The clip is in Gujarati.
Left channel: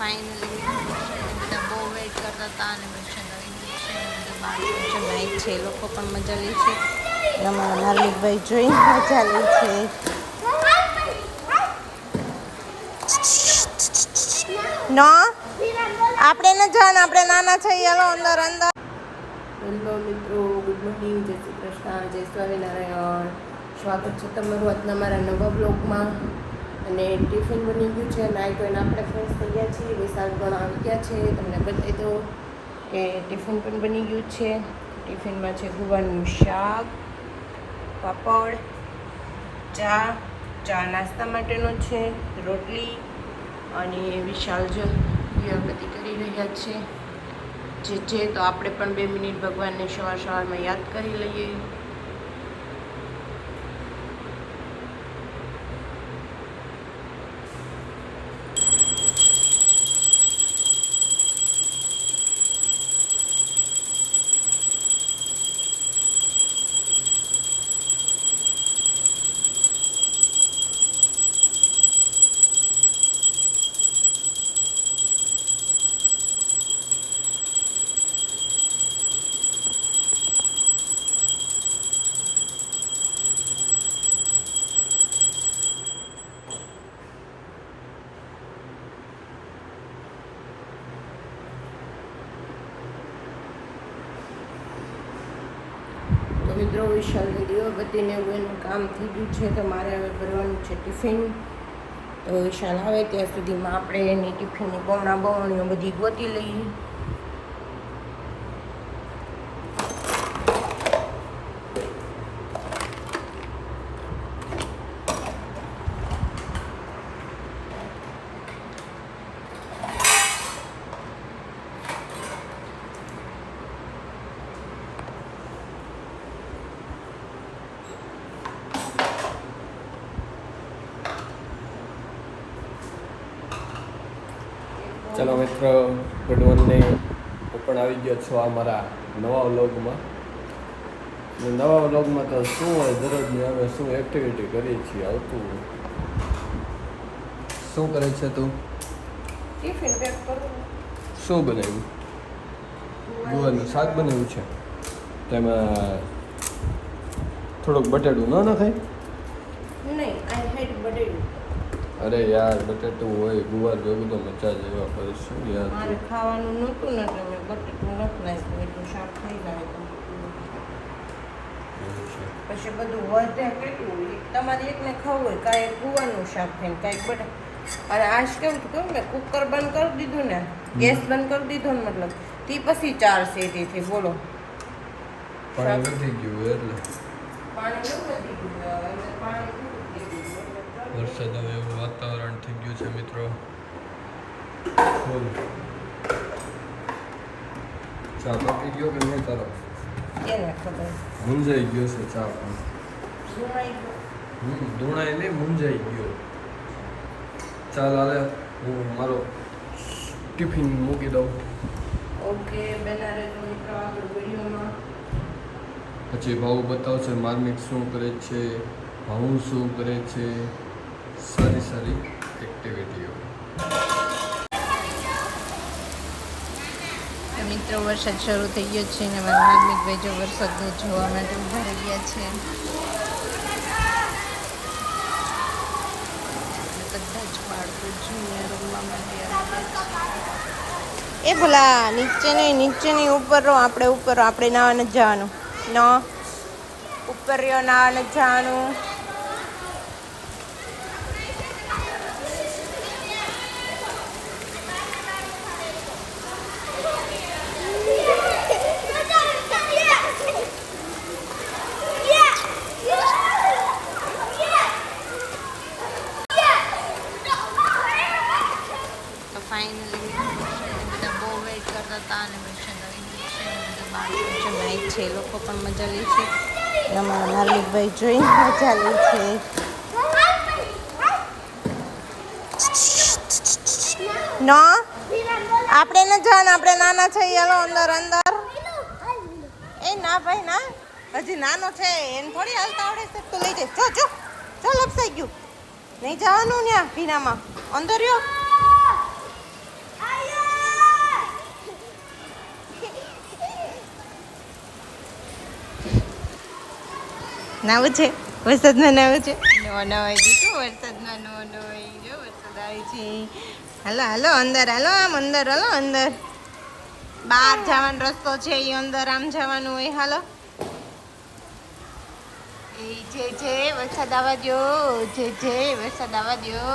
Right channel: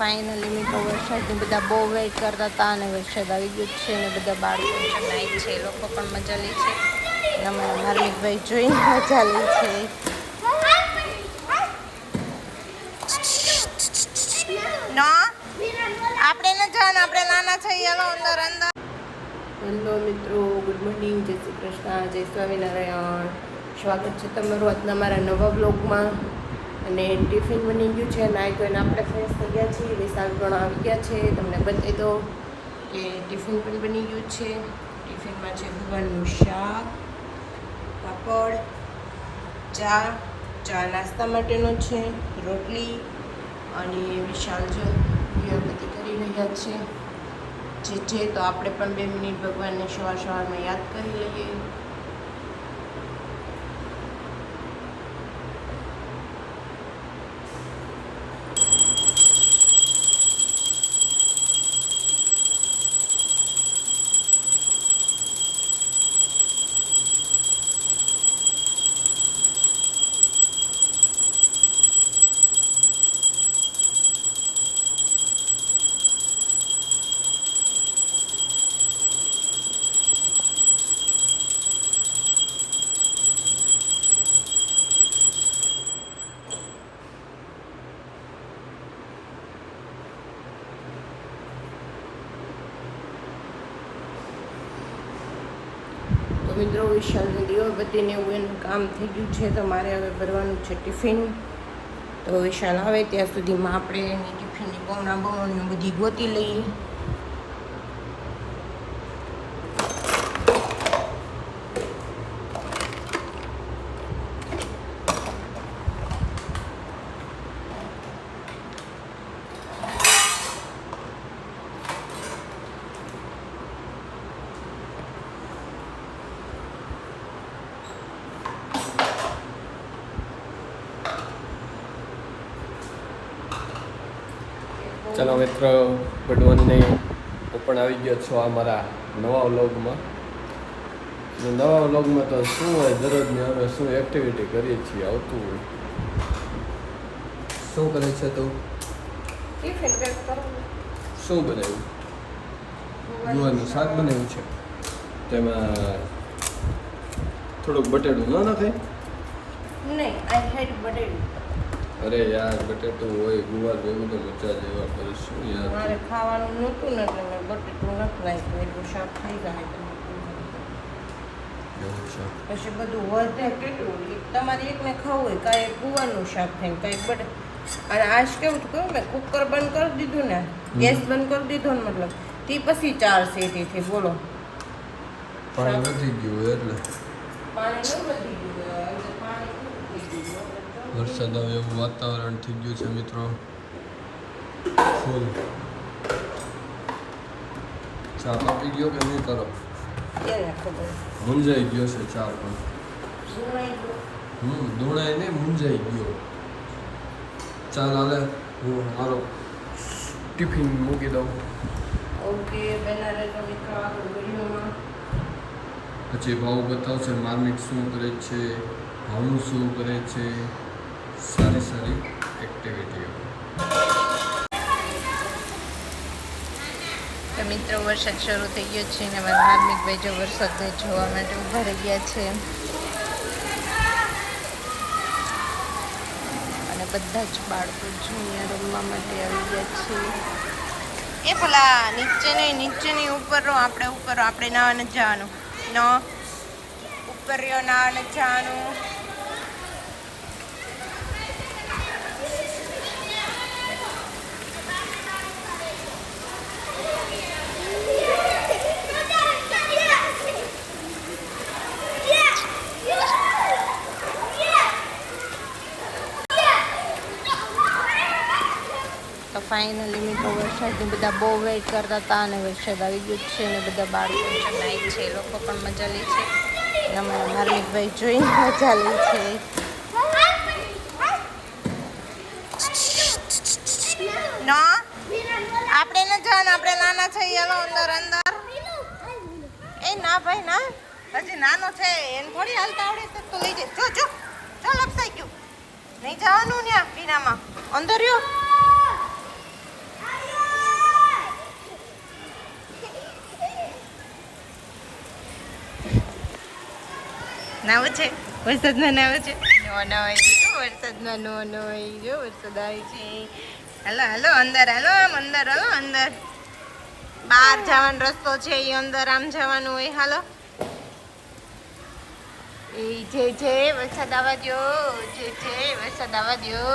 ફાઇનલી મિત્રો વરસાદની બધા બહુ વેઇટ કરતા હતા અને વરસાદ આવી ગયો છે અને બધા બાળકો છે નાઈ છે એ લોકો પણ મજા લે છે. અમારા માર્મિકભાઈ જોઈને મજા લે છે. નો આપણે ન જવાનું, આપણે નાના છીએ. હેલો અંદર અંદર. હેલો મિત્રો, ગુડ મોર્નિંગ, જય શ્રી કૃષ્ણ, જય સ્વામિનારાયણ. સ્વાગત છે તમારું આજના મારા નવા બ્લોગમાં. અને ટિફિન બની ગયું છે, નાઈ ધોઈને આપણે ફ્રેશ થઈ ગયા છીએ. વિશાલ પણ આવી ગયા છે. તમને બતાવી દો કે ટિફિન પણ બની ગયું છે. ટિફિનમાં છે ગુવારનું શાક, પાપડ, ચા નાસ્તા માટેનો છે, રોટલી. અને વિશાલ જો દીવાબત્તી કરી રહ્યા છે તો આપણે પણ 2 મિનિટ ભગવાનને સવારમાં યાદ કરી લઈએ. તો મિત્રો વિશાલની દીવાબત્તીને એવું એનું કામ થઈ ગયું છે. તો મારે હવે ભરવાનું છે ટિફિન. તો વિશાલ આવે ત્યાં સુધીમાં આપણે એની ટિફિનની બમણીઓ બધી ગોતી લઈએ. ચાલો મિત્રો, ગુડ મોર્નિંગ. હું પણ આવી ગયો છો આ મારા નવા વ્લોગમાં. નવા વ્લોગમાં તો શું હોય, દરરોજની અમે શું એક્ટિવિટી કરીએ છીએ આવતું હોય. શું કરે છે તું? ટિફિન પેક કરું. શું બનાવ્યું? ગુવારનું શાક બનાવ્યું છે. તેમાં થોડુંક બટેટું ન નખાય? નહીં, આઈ હેડ બટેટું. અરે યાર, બટેટું હોય ગુવાર જેવું તો મજા લેવા પડે. શું યાર, મારે ખાવાનું નહોતું ને એટલે મેં બટેટું નથી નાખ્યું. એટલું શાક થઈ જાય પછી બધું વધે કેટલું. તમારે એકને ખાવું હોય, કાંઈ ગુવારનું શાક થાય, કાંઈક બટે. અને આજ કેવું થયું, મેં કુકર બંધ કરી દીધું ને, ગેસ બંધ કરી દીધો ને, મતલબ તે પછી 4 સીટીથી બોલો પાણી વધી ગયું એટલે પાણી ન વધી ગયું. વરસાદ આવે એવું વાતાવરણ થઈ ગયું છે મિત્રો. ફૂલ ચા પાકી ગયો કે નહીં તારો? એને ખબર મૂંઝાઈ ગયો છે ચા પણ. સુનાઈ ગયું. ધૂણાઈ નહીં, મૂંઝાઈ ગયો. ચાલ હાલે, હું મારો ટિફિન મૂકી દઉં. ઓકે, બેના રહેજો મિત્રો આગળ વિડીયોમાં. પછી ભાવ બતાવશે માર્મિક શું કરે છે, ભાવ શું કરે છે, સારી એક્ટિવિટીઓ. તો મિત્રો વરસાદ શરૂ થઈ ગયો છે અને મારા માર્મિકભાઈ જો વરસાદને જોવા માટે ઊભા રહી ગયા છે. અને બધા જ બાળકો જુનિયર રમવા માટે આવી ગયા છે. એ ભલા નીચેની ઉપર રહો, આપણે ઉપર રહો, આપણે નાવા નથી જવાનું. નો ઉપર રહ્યો, નાવા નથી જવાનું. ફાઇનલી મિત્રો વરસાદની બધા બહુ વેઇટ કરતા હતા અને વરસાદ આવી ગયો છે અને બધા બાળકો છે નાઈ છે એ લોકો પણ મજા લે છે. અમારા માર્મિકભાઈ જોઈને મજા લે છે. નો આપણે ન જવાનું, આપણે નાના છીએ. હેલો અંદર અંદર. એ ના ભાઈ ના, હજી નાનો છે, એમ થોડી હાલતા આવડે તો લઈ જાય. જો લપસાઈ ગયું. નહીં જવાનું ને ભીનામાં. અંદર રહ્યો. નાવું છે વરસાદમાં નાવું છે નો નવાઈ દીધું વરસાદમાં નો નવાઈ જો વરસાદ આવી છે હાલો હાલો અંદર હાલો આમ અંદર હાલો અંદર બહાર જવાનો રસ્તો છે એ અંદર આમ જવાનું હોય હાલો એ જે વરસાદ આવવા દો જે વરસાદ આવવા દો